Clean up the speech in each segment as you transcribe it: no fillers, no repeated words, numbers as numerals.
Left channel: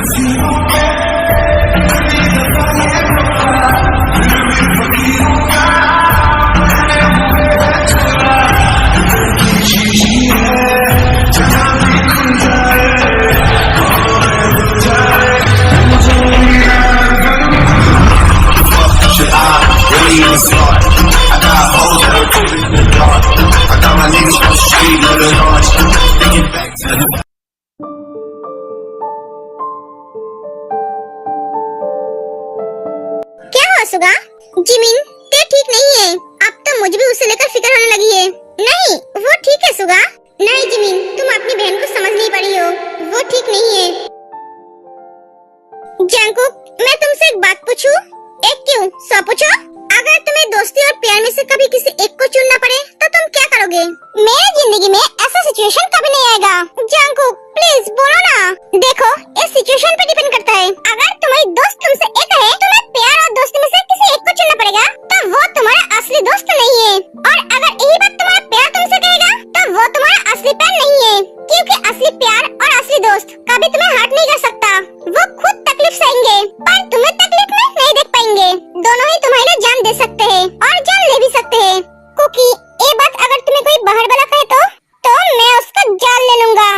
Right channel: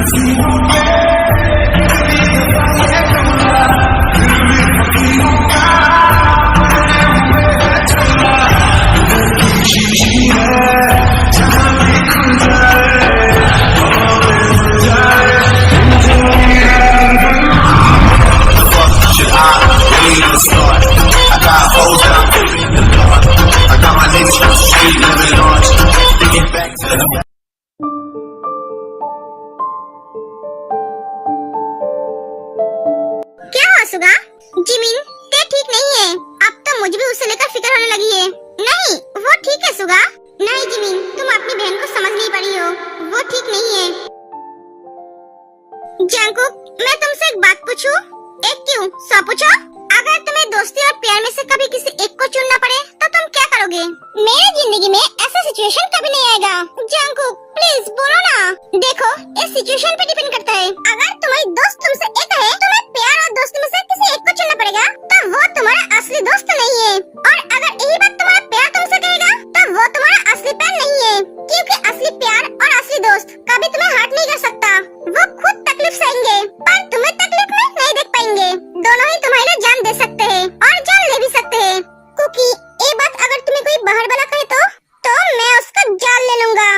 Should I really even start? I got hoes that I'm keeping in the dark. I got my niggas from the street living large. Thinking back to the क्या हो सुगा? Jimin, ते ठीक नहीं है। अब तो मुझे भी उसे लेकर फिक्र होने लगी है। नहीं, वो ठीक है सुगा। नहीं जिमिन, तुम अपनी बहन को समझ नहीं पा रही हो। वो ठीक नहीं है। जंकुक, मैं तुमसे एक बात पूछूं? एक क्यों? 100 पूछो। अगर तुम्हें दोस्ती और प्यार में से कभी किसी एक को चुनना पड़े तो तुम क्या करोगे? मेरी जिंदगी में ऐसा सिचुएशन कभी नहीं आएगा। जंकुक, प्लीज बोलो ना। देखो, इस सिचुएशन पे डिपेंड करता है। अगर तुम्हारी दोस्त तुमसे एक है, तुम्हें प्यार और दोस्ती में से किसी एक को चुनना पड़ेगा, तो वो तुम्हारा असली दोस्त नहीं है। और अगर यही बात तुम्हारा प्यार तुमसे कहेगा, तो वो तुम्हारा असली प्यार नहीं है। क्योंकि असली प्यार और असली दोस्त कभी तुम्हें हर्ट नहीं कर सकता। वो खुद तकलीफ सहेंगे, पर तुम्हें तकलीफ में नहीं देख पाएंगे। दोनों ही तुम्हारे लिए जान दे सकते हैं और जान ले भी सकते हैं। कुकी, ये बात अगर तुम्हें कोई बाहर वाला कहे तो मैं उसका जान ले लूंगा।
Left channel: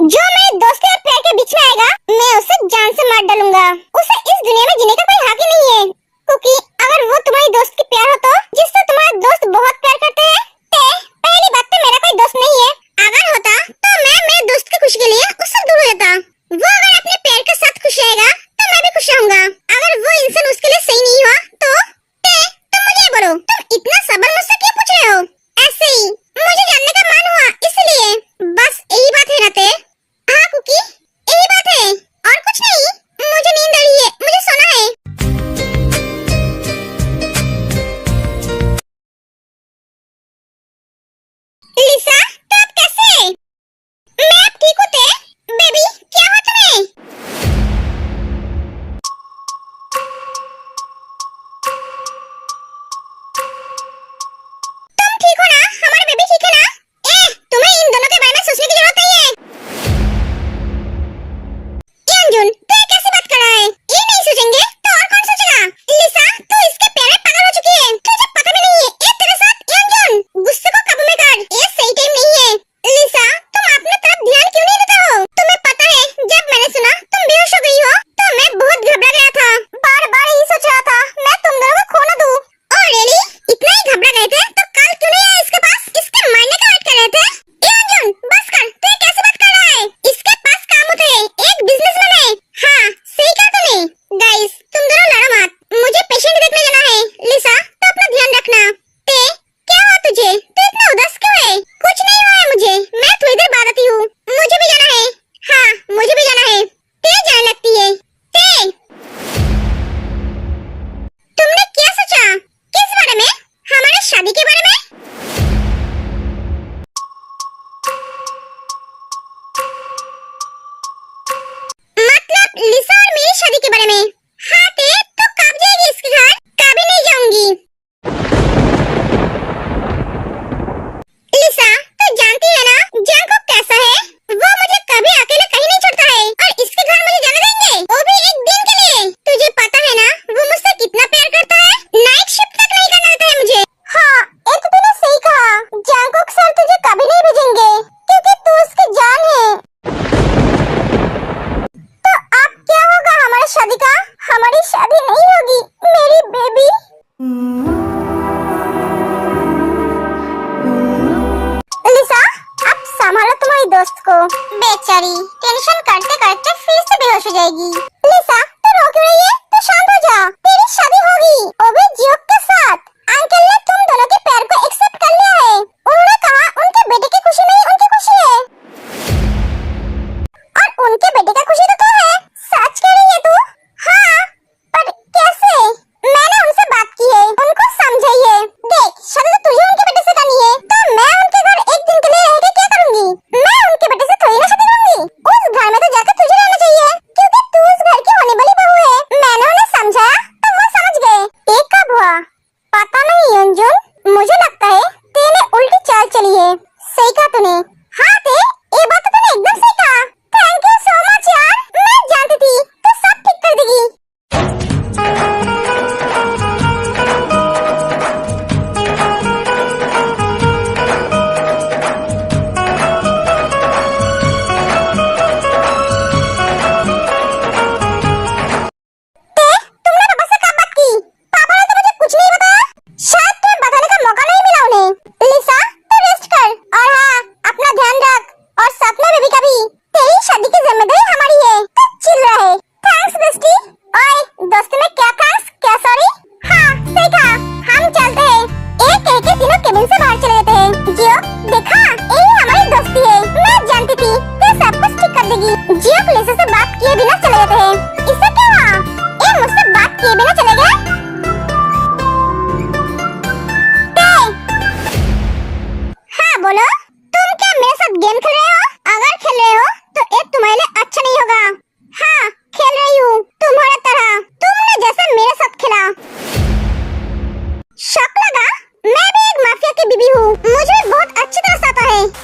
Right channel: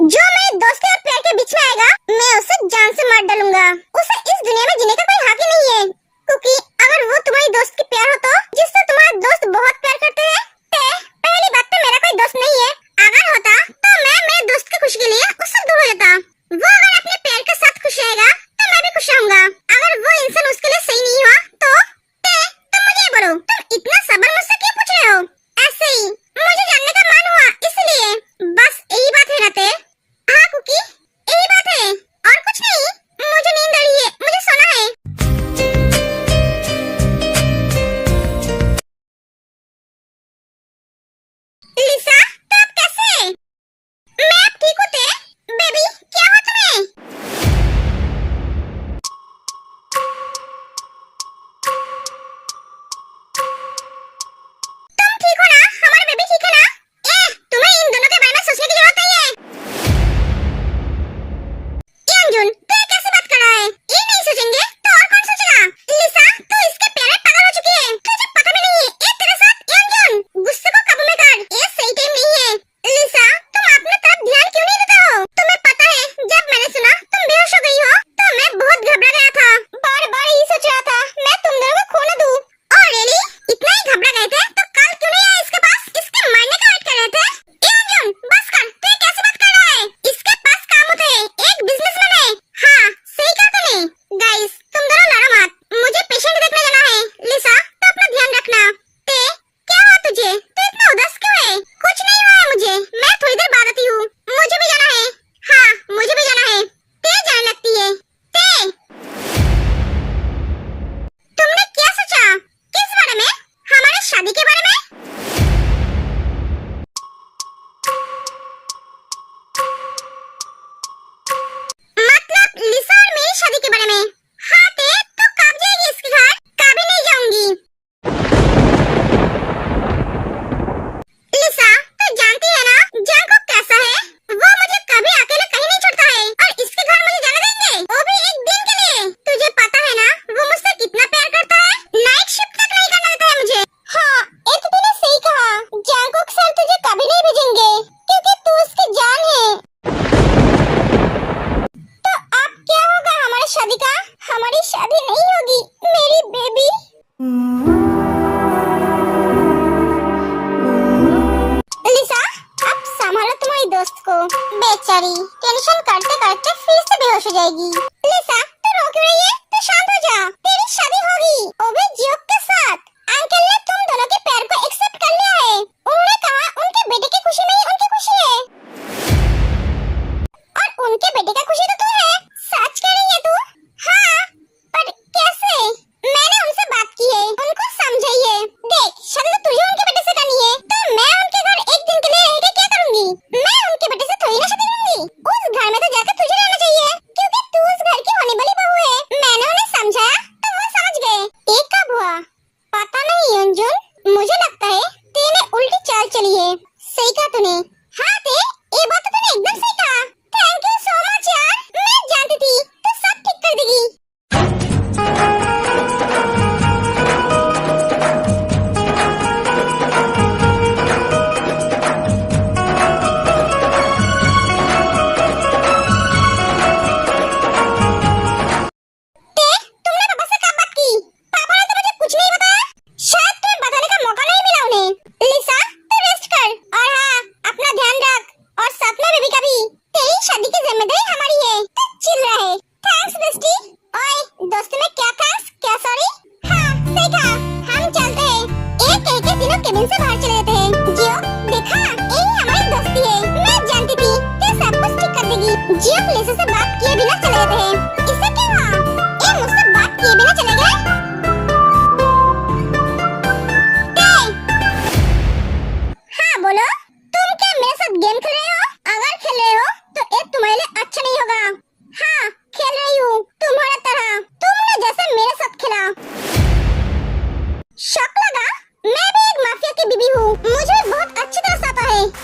जो मेरे दोस्ती और प्यार के बीच में आएगा, मैं उसे जान से मार डालूंगा। उसे इस दुनिया में जीने का कोई हक ही नहीं है। कुकी, अगर वो तुम्हारी दोस्त की प्यार हो तो, जिससे तुम्हारा दोस्त बहुत प्यार करते हैं, तो पहली बात तो मेरा कोई दोस्त नहीं है। अगर होता तो मैं मेरे दोस्त की खुशी के लिए उससे दूर हो जाता। वो अगर अपने प्यार के साथ खुश रहेगा तो मैं भी खुश रहूंगा। अगर वो इंसान उसके लिए सही नहीं हुआ तो तुम मुझे बोलो, तुम इतना सवाल मुझसे क्यों पूछ रहे हो? ऐसे ही मुझे जानने का मन हुआ, इसलिए। बस यही बात है ना ते? हाँ कुकी, यही बात है और कुछ नहीं। मुझे नींद आ रही है, मुझे सोना है। लिसा, तो आप कैसे? मैं अब ठीक हूँ ते। बेबी, क्या हुआ तुम्हें? तुम ठीक हो ना? हमारा बेबी ठीक है ना? तुम्हें इन दोनों के बारे में सोचने की जरूरत नहीं है। यंजुन, तू कैसे बात कर रहा है? ये नहीं सोचेंगे तो और कौन सोचेगा? लिसा, तू इसके प्यार में पागल हो चुकी है। तुझे पता भी नहीं है ये तेरे साथ। यंजुन, गुस्से को काबू में कर। ये सही टाइम नहीं है। लिसा, तुम अपने तरफ ध्यान क्यों नहीं देते हो? तुम्हें पता है, जब मैंने सुना तुम बेहोश हो गई हो तो मैं बहुत घबरा गया था। बार बार यही सोच रहा था मैं तुम दोनों को खो न दूं। Oh really? इतना ही घबरा गए थे तो कल क्यों नहीं आए इसके पास? इसके मारने का वेट कर रहे थे? यंजुन, बस कर। तू ये कैसे बात कर रहा है? इसके पास काम होते हैं, एक बिजनेसमैन है। हाँ, सही कहा तूने। गाइस, तुम दोनों लड़ो मत। मुझे पेशेंट देखने जाना है। लिसा, तो अपना ध्यान रखना। ते, क्या हुआ तुझे? तू इतना उदास क्यों है? कुछ नहीं हुआ है मुझे। मैं थोड़ी देर बाद आती हूँ। मुझे भी जाना है। हाँ, मुझे भी जाना है। ते जाने लगती है। ते, तुमने क्या सोचा? किस बारे में? हमारे शादी के बारे में? मतलब लिसा और मेरी शादी के बारे में? हाँ ते, तो कब जाएगी इसके घर? कभी नहीं जाऊंगी। लिसा, तू जानती है ना जंकुक कैसा है? वो मुझे कभी अकेले कहीं नहीं छोड़ता है और इसके घर मुझे जाने देंगे, वो भी एक दिन के लिए। तुझे पता है ना वो मुझसे कितना प्यार करता है? नाइट शिफ्ट तक नहीं करना देता है मुझे। हाँ, ये तो तूने सही कहा। जंकुक सर तुझे कभी नहीं भेजेंगे क्योंकि तू उसकी जान है। तो अब क्या होगा हमारी शादी का? हमारी शादी नहीं होगी मेरी बेबी। लिसा, अब संभालो तुम्हारी दोस्त को। बेचारी टेंशन करते करते फिर से बेहोश हो जाएगी। लिसा, तू रो क्यों रही है? तू शांत हो जा। तेरी शादी होगी, वो भी जियोक के साथ। अंकल ने तुम दोनों के प्यार को एक्सेप्ट कर लिया है। उन्होंने कहा उनके बेटे की खुशी में ही उनकी खुशी है और उनके बेटे का खुशी तो तू है। सच कह रही है तू? हाँ, पर कैसे? मैंने उनसे बात की है, उनको समझाइए। देख, शादी तो तुझे उनके बेटे से करनी है, तो मैं उनके घर एक दिन के लिए रह के क्या करूंगी? मैं उनके बेटे से थोड़ी ना शादी करूंगी। उस घर में तो जाकर तुझे रहना चाहिए क्योंकि तू उस घर की होने वाली बहू है। मैंने उन्हें समझाया तो वो समझ गए। ये कब हुआ? पता नहीं अंजुन, मुझे लगता है तेने उल्टी चाल चली है। सही कहा तूने। हाँ ते, ये बात तो तूने एकदम सही कहा। थैंक यू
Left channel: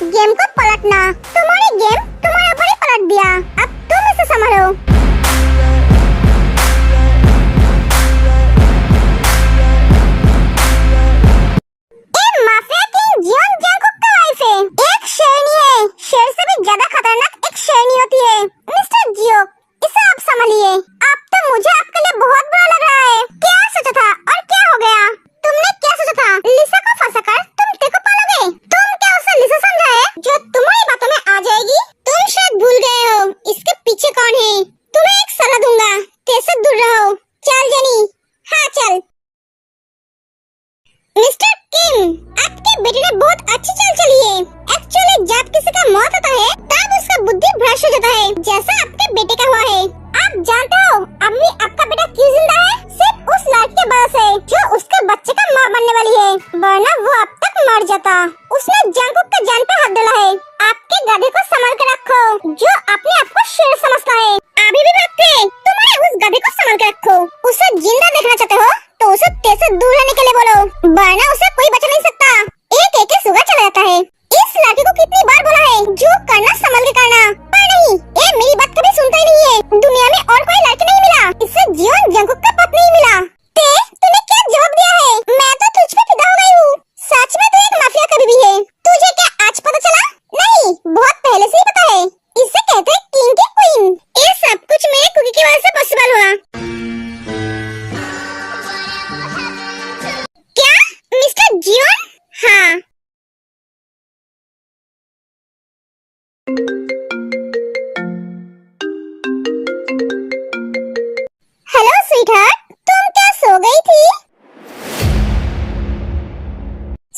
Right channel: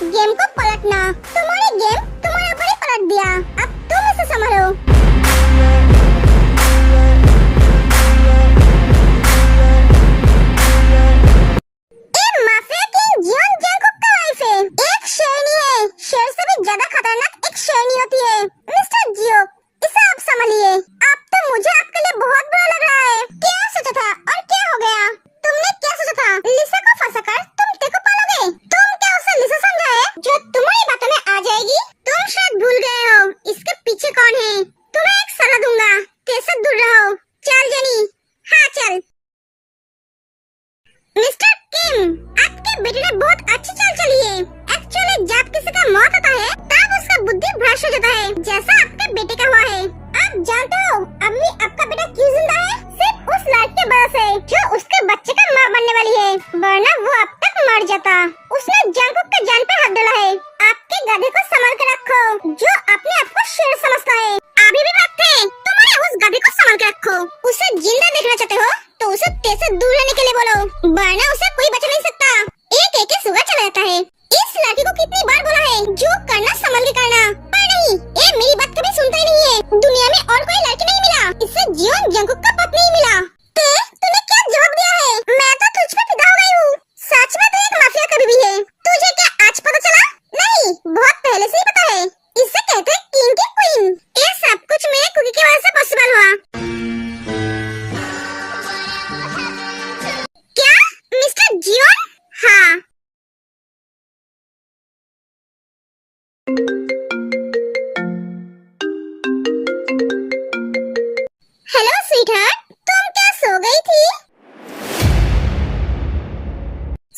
गेम को पलटना। तुम्हारी गेम तुम्हारे ऊपर ही पलट दिया, अब तुम इसे संभालो। ये माफिया किंग जियोन जंगकुक का वाइफ है, एक शेरनी है। शेर से भी ज्यादा खतरनाक एक शेरनी होती है। मिस्टर जियो, इसे आप संभालिए। अब तो मुझे आपके लिए बहुत बुरा लग रहा है। क्या सोचा था और क्या हो गया? तुमने क्या सोचा था लिसा को फंसाकर तुम टेको पालोगे? तुम क्या उसे लिसा समझा है जो तुम्हारी बातों में आ जाएगी? तुम शायद भूल गए हो इसके पीछे कौन है। तुम्हें एक सलाह दूंगा, कैसे दूर रहो। चल जेनी, हाँ चल। मिस्टर किम, आपके बेटे ने बहुत अच्छी चाल चली है। एक्चुअली जब किसी का मौत होता है तब उसका बुद्धि भ्रष्ट हो जाता है, जैसा आपके बेटे का हुआ है। आप जानते हो अम्मी आपका बेटा क्यों जिंदा है? सिर्फ उस लड़की की वजह से जो उसके बच्चे का मां बनने वाली है, वरना वो अब तक मर जाता। उसने जंगकुक के जान पे हाथ डाला है। आपके गधे को संभाल के रखो जो अपने आप को शेर समझता है। अभी भी वक्त है, तुम्हारे उस गधे को संभाल के रखो। उसे जिंदा देखना चाहते हो तो उसे तेज से दूर रहने के लिए बोलो, वरना उसे कोई बचा नहीं सकता। एक सुगा चला जाता है। इस लड़के को कितनी बार बोला है जो करना संभल के करना, पर नहीं, ये मेरी बात कभी सुनता ही नहीं है। दुनिया में और कोई लड़की नहीं मिला, इससे जियोन जंगकुक का पति नहीं मिला। तूने क्या जवाब दिया है? मैं तो तुझ पे फिदा हो गई हूँ। सच में तू एक माफिया कभी भी है। तुझे क्या आज पता चला? नहीं, बहुत पहले से ही पता है। इसे कहते हैं किंग की क्वीन। ये सब कुछ मेरे कुकी की वजह से पॉसिबल हुआ। क्या मिस्टर जियोन? हाँ। हेलो स्वीटहार्ट, तुम क्या सो गई थी?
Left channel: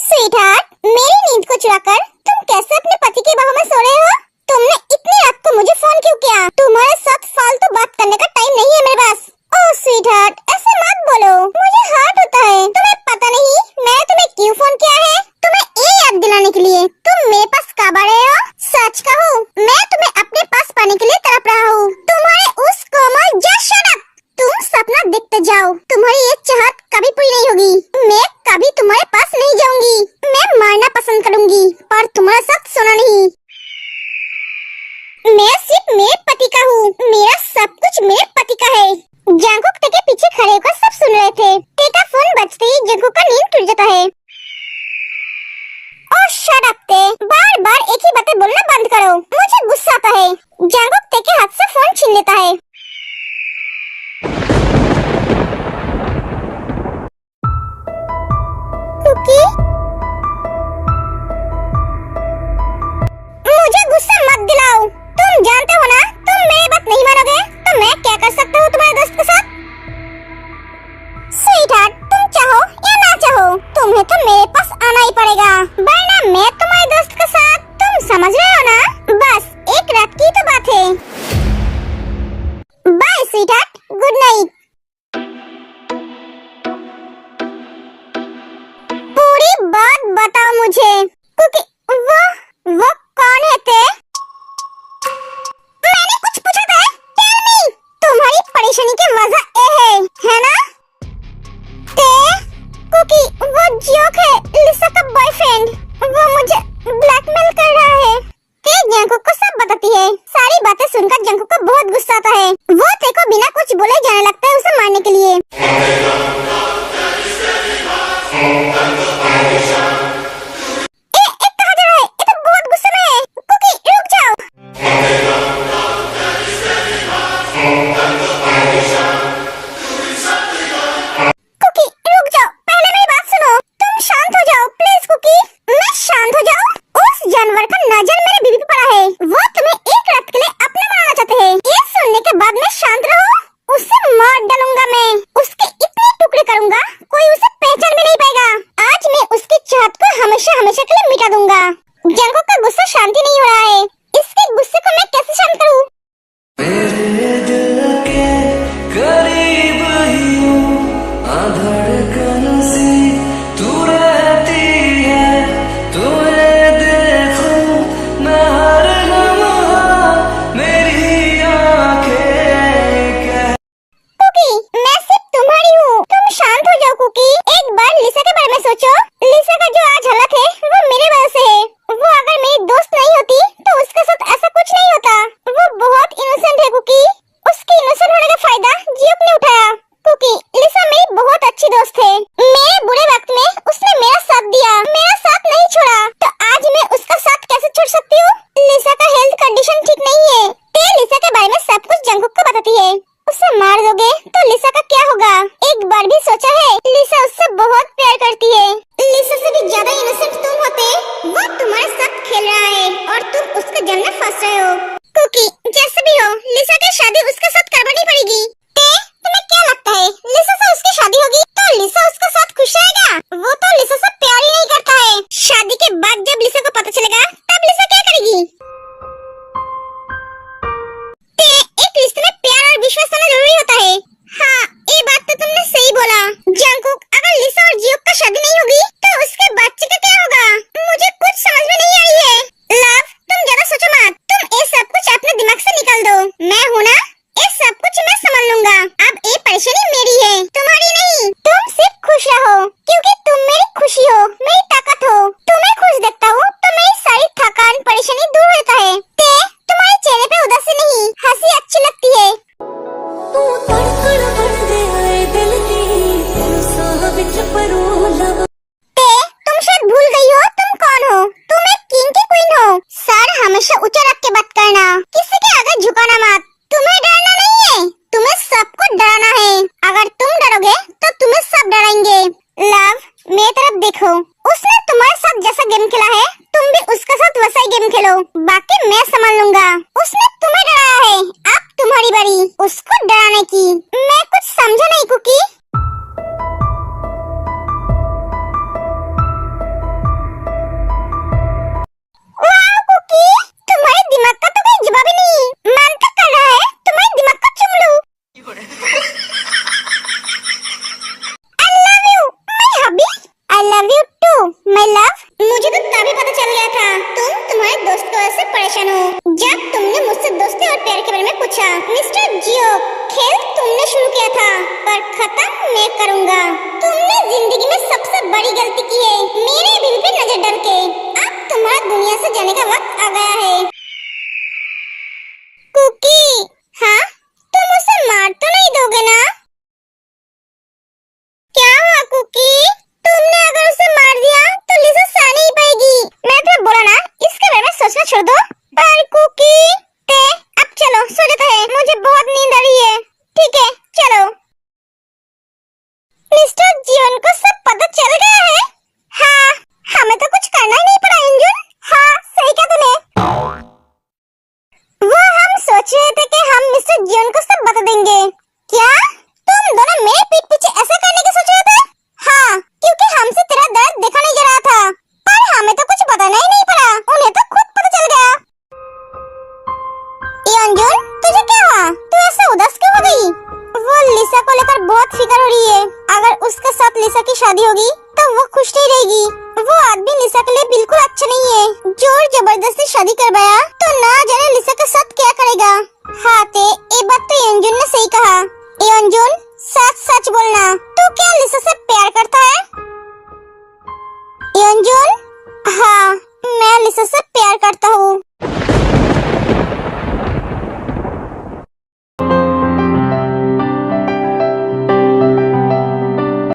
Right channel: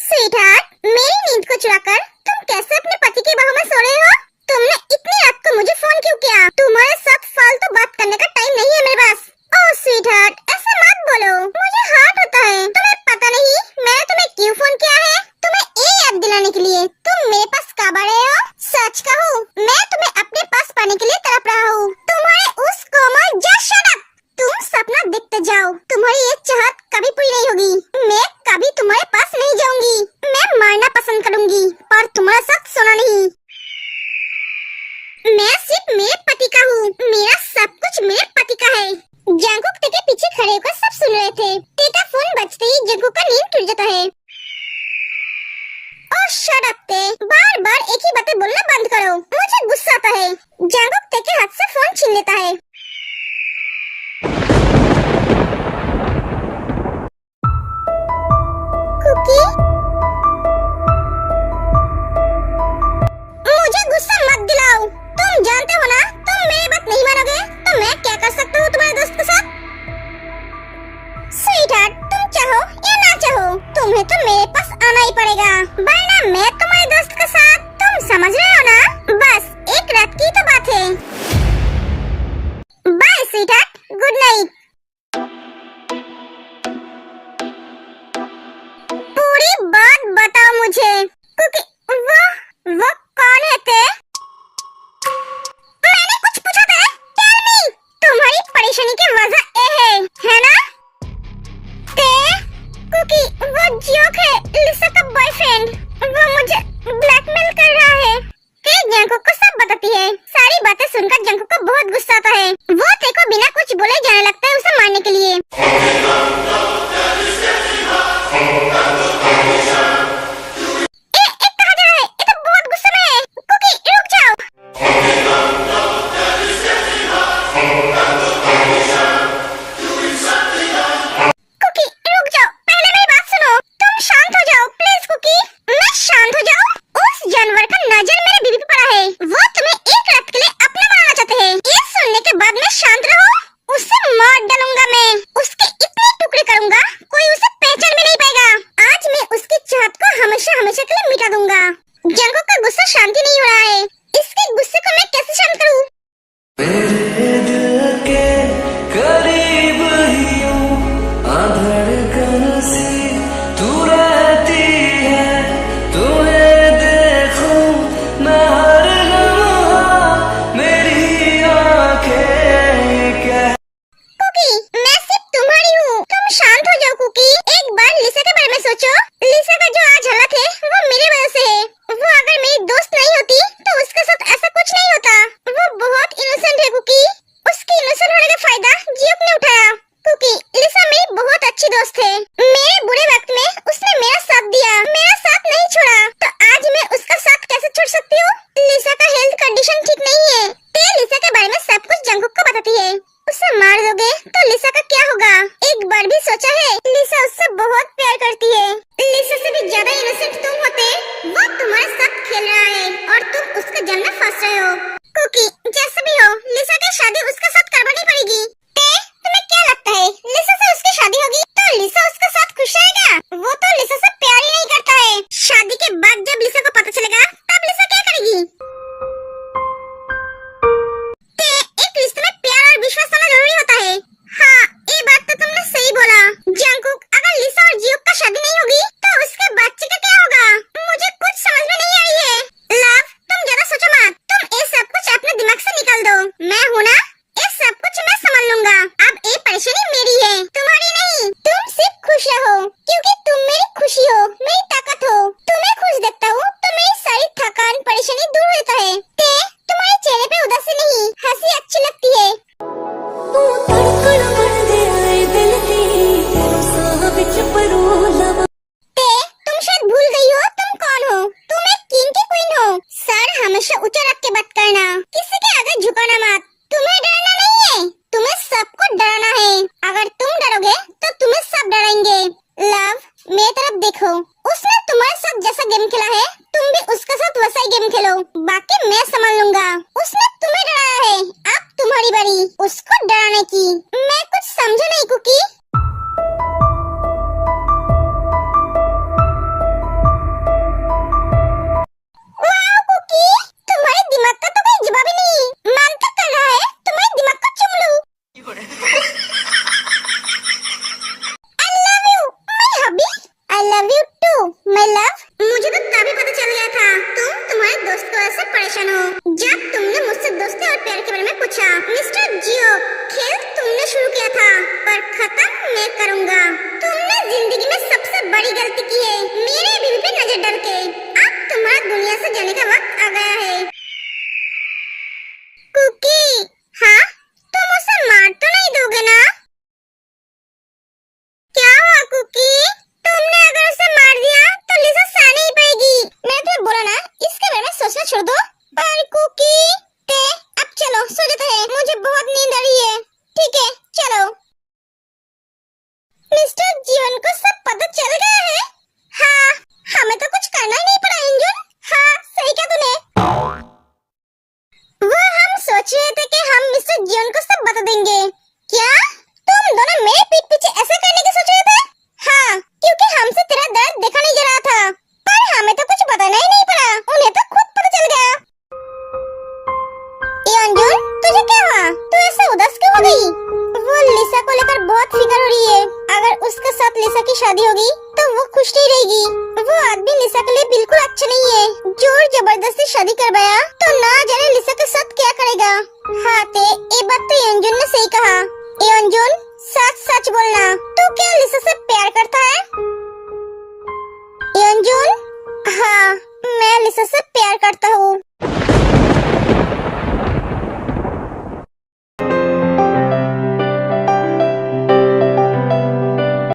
स्वीटहार्ट, मेरी नींद को चुराकर तुम कैसे अपने पति के बाहों में सो रहे हो? तुमने इतनी रात को मुझे फोन क्यों किया? तुम्हारे साथ फालतू बात करने का टाइम नहीं है मेरे पास। ओह स्वीटहार्ट, ऐसा मत बोलो, मुझे हर्ट होता है। तुम्हें पता नहीं मैंने तुम्हें क्यों फोन किया है? तुम्हें ये याद दिलाने के लिए तुम मेरे पास कब आ रहे हो। सच कहो, मैं तुम्हें अपने पास पाने के लिए तड़प रहा हूँ। तुम्हारे उस कोमल जस्ट शट अप। तुम सपना देखते जाओ, तुम्हारी ये चाहत कभी पूरी नहीं होगी। मैं कभी तुम्हारे पास नहीं जाऊंगी। मैं मरना पसंद करूंगी पर तुम्हारे साथ सोना नहीं। मैं सिर्फ मेरे पति का हूँ, मेरा सब कुछ मेरे पति का है। जंगकुक के पीछे खड़े होकर सब सुन रहे थे। टेका फोन बजते ही जंगकुक का नींद टूट जाता है। और शट अप ते, बार बार एक ही बातें बोलना बंद करो, मुझे गुस्सा आता है। जंगकुक ते के हाथ से फोन छीन लेता है। कुकी, मुझे गुस्सा मत दिलाओ। तुम जानते हो ना तुम मेरी बात नहीं मानोगे तो मैं क्या कर सकता हूँ तुम्हारे दोस्त के साथ? स्वीटहार्ट, तुम चाहो या ना चाहो तुम्हें तो मेरे पास आना ही पड़ेगा, वरना मैं तुम्हारे दोस्त के साथ, तुम समझ रहे हो ना? बस एक रात की तो बात है। Bye sweetheart, good night. पूरी बात बताओ मुझे। क्योंकि वो कौन है ते? मैंने कुछ पूछा था? Tell me. तुम्हारी परेशानी की वजह ये है ना? ते कुकी, वो जोक है, लिसा का बॉयफ्रेंड। वो मुझे ब्लैकमेल कर रहा है। ते जंगकुक को सब बताती है। सारी बातें सुनकर जंगकुक को बहुत गुस्सा आता है। वो ते को बिना कुछ बोले जाने लगता है उसे मारने के लिए। कहाँ जा रहा है? ये तो बहुत गुस्से में है। कुकी, रुक जाओ। कुकी, रुक जाओ, पहले मेरी बात सुनो। तुम शांत हो जाओ प्लीज कुकी। मैं शांत हो जाऊं? उस जानवर का नजर मेरे बीवी पे पड़ा है। वो तुम्हें एक रात के लिए अपना बनाना चाहते हैं। ये सुनने के बाद मैं शांत रहूं? उसे मार डालूंगा मैं। उसके इतने टुकड़े करूंगा कोई उसे पहचान भी नहीं पाएगा। आज मैं उसकी चाहत को हमेशा हमेशा के लिए मिटा दूंगा। जंगकुक का गुस्सा शांति नहीं हो रहा है। इसके गुस्से को मैं कैसे शांत करूं? मेरे दिल के करीब ही यूं धड़कन सी तू रहती है। तुम्हें देखूं मैं हर लम्हा, मेरी आंखें क्या। कुकी, मैं सिर्फ तुम्हारी हूँ, तुम शांत हो जाओ कुकी। एक बार लिसा के बारे में सोचो। लिसा का जो आज हालत है वो मेरे वजह से है। वो अगर मेरी दोस्त उसके जन्म में फंस रहे हो। कुकी, जैसे भी हो, लिसा की शादी उसके साथ करवानी पड़ेगी। तुम्हें क्या लगता है लिसा से उसकी शादी होगी तो लिसा उसके साथ खुश रहेगा? वो तो लिसा से प्यार ही नहीं करता है। शादी के बाद जब लिसा को पता चलेगा तब लिसा क्या करेगी? एक रिश्ते में प्यार और विश्वास होना जरूरी होता है। हाँ, ये बात तो तुमने सही बोला। जंगकुक, अगर लिसा और जियोक का शादी नहीं होगी तो उसके बच्चे का क्या होगा? मुझे कुछ समझ में नहीं आई है। लव, तुम ज्यादा सोचो मत। तुम ये सब कुछ अपने दिमाग से निकाल दो। मैं हूँ ना, ये सब कुछ मैं संभाल लूंगा। अब ये परेशानी मेरी है, तुम्हारी नहीं। तुम सिर्फ खुश रहो क्योंकि तुम मेरी खुशी हो, मेरी ताकत हो। तुम्हें खुश देखता हूँ तो मेरी सारी थकान परेशानी दूर होता है। तुम्हारे चेहरे पे उदासी नहीं, हंसी अच्छी लगती है। तू धड़कन बन गया है दिल दी, तेरे साह विच परोला। तुम शायद भूल गई हो तुम कौन हो। तुम एक किंग की क्वीन हो। सर हमेशा ऊंचा रख के बात करना, किसी के आगे झुकाना मत। तुम्हें डरना नहीं है, तुम्हें सबको डराना है। अगर तुम डरोगे तो तुम्हें सब डराएंगे। लव, मेरी तरफ देखो। उसने तुम्हारे साथ जैसा गेम खेला है तुम भी उसके साथ वैसा ही गेम खेलो। बाकी मैं संभाल लूंगा। उसने तुम्हें डराया है, अब तुम्हारी बारी उसको डराने की। मैं कुछ समझा नहीं कुकी। वाह कुकी, तुम्हारे दिमाग का तो कोई जवाब ही नहीं। मन तक कर रहा है तुम्हारे दिमाग का चुम लूं। I love you, my hubby. I love you too, my love. मुझे तो तभी पता चल गया था तुम तुम्हारे दोस्त की वजह से परेशान हो, जब तुमने मुझसे दोस्ती और प्यार के बारे में पूछा। मिस्टर जियो, खेल तुमने शुरू किया था पर खत्म मैं करूंगा। तुमने जिंदगी में सबसे बड़ी गलती की है, मेरे बीवी पे नजर डाल के। अब तुम्हारा दुनिया से जाने का वक्त आ गया है। कुकी, हाँ, तुम उसे मार तो नहीं दोगे ना? क्या हुआ कुकी? तुमने अगर उसे मार दिया तो लिसा सह नहीं पाएगी। मैं तुम्हें बोला ना इसके बारे में सोचना छोड़ दो। पर कुकी, अब चलो सो जाते हैं, मुझे बहुत नींद आ रही है। ठीक है चलो। मिस्टर जीवन को सब पता चल गया है? हाँ, हमें तो कुछ करना ही नहीं पड़ा इंजुन। हाँ, सही कहा तूने। वो हम सोच रहे थे कि हम मिस्टर जीवन को सब बता देंगे। क्या तुम दोनों मेरे पीठ पीछे ऐसा करने की सोच रहे थे? हाँ, क्योंकि हमसे तेरा दर्द देखा नहीं जा रहा था, पर हमें तो कुछ बताना ही नहीं पड़ा, उन्हें तो खुद पता चल गया। अंजुन, तुझे क्या हुआ? तू ऐसा उदास क्यों हो गई? वो लिसा को लेकर बहुत फिक्र हो रही है। अगर उसके साथ लिसा की शादी होगी तो वो खुश नहीं रहेगी। वो आदमी लिसा के लिए बिल्कुल अच्छा नहीं है। जोर जबरदस्ती शादी करवाया तो ना जाने लिसा के साथ क्या करेगा। हाँ, ये बात तो अंजुन ने सही कहा। अंजुन, सच सच बोलना, तू क्या लिसा से प्यार करता है? अंजुन, हाँ, मैं लिसा से प्यार करता हूँ।